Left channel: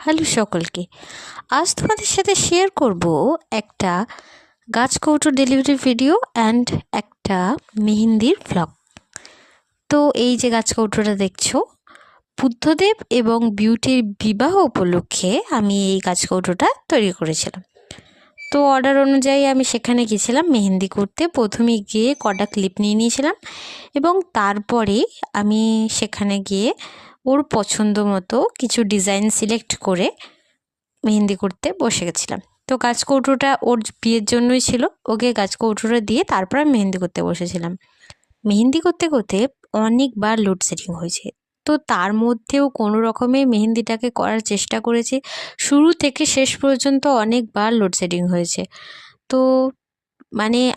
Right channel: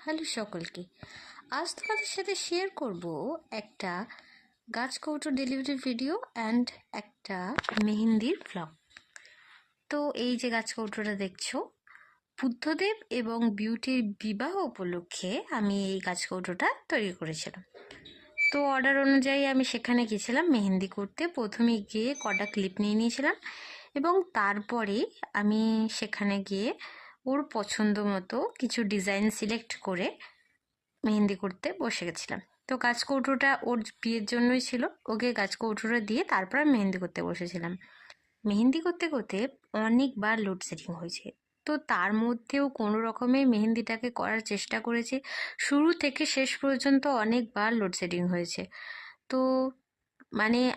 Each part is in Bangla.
হ্যালো সকলকে। আজ তোমাদের সাথে শেয়ার করব একটা গাছ কৌটো ডেলিভারি ভিডিও অ্যান্ড একটা মেহেন্দির ভ্লগ। তো এই যে গাছ কৌটোটা দেখছো, বুদ্ধদেব এবং বিউটির বিবাহ উপলক্ষে আমি এই গাছ কৌটোটা তৈরি করেছিলাম। তো অর্ডার অনুযায়ী আমি সেখানে গেছিলাম মেহেন্দি করতে। প্রথমে গিয়ে কটা ক্লিপ নিয়ে নিয়েছিলাম এবং তারপরে আমি সেখানে গিয়ে ওর পছন্দ মতো কিছু ডিজাইন সিলেক্ট করে মেহেন্দি করতে বসে গেছিলাম। তো গাছ কৌটোটা ওর বিয়ের জন্যই ছিল, ওকে গাছ কৌটোটা দিয়ে তারপর আমি মেহেন্দি করতে বসেছিলাম। মেহেন্দি করতে করতে অনেকবার লোডশেডিং হয়েছে, তো তার মধ্যেও কোনো রকমে মেহেন্দিটাকে করার চেষ্টা করেছি। শুরু থেকে শেষ পর্যন্ত অনেকবার লোডশেডিং হয়েছে। তো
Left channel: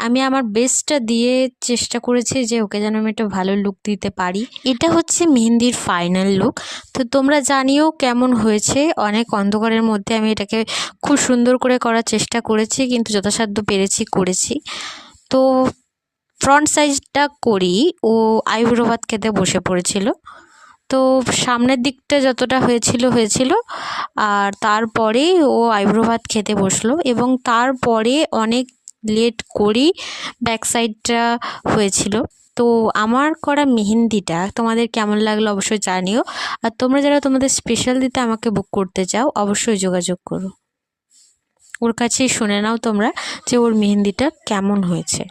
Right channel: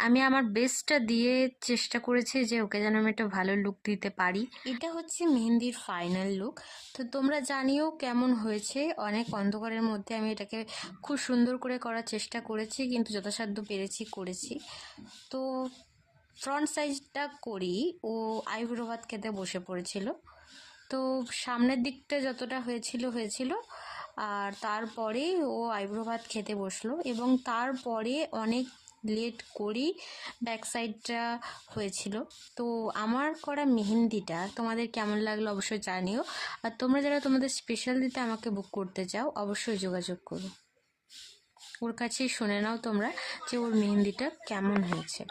আমি আমার বেস্টটা দিয়ে চেষ্টা করেছি যে ওকে যেন আমি একটা ভালো লুক দিতে পারি। এটা হচ্ছে মেহেন্দির ফাইনাল লুক। তো তোমরা জানিও কেমন হয়েছে। অনেক অন্ধকারের মধ্যে আমি এটাকে খুব সুন্দর করে করার চেষ্টা করেছি, কিন্তু যথাসাধ্য করেছি। তো ফ্রন্ট সাইজটা করি ও আইব্রো ভাত খেতে বসে পড়েছিল। তো সামনের দিকটা যতটা হয়েছিল আর তারপরে ও আইব্রো ভাত খেতে বসলো এবং তারপরে অনেক লেট করেই ব্যাক সাইডটা হয়েছিল। তো আমার করা মেহেন্দিটা তোমাদের কেমন লাগলো অবশ্যই জানিও। আর তোমরা যারা তোমাদের স্পেশাল দিতে আমাকে বুক করতে চাও অবশ্যই যোগাযোগ করো। ওর কাছেই শুনে নাও তোমরা যে ওর মেহেন্দিটা কেমন হয়েছে।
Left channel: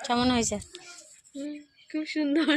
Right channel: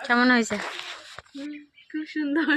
খুব সুন্দর।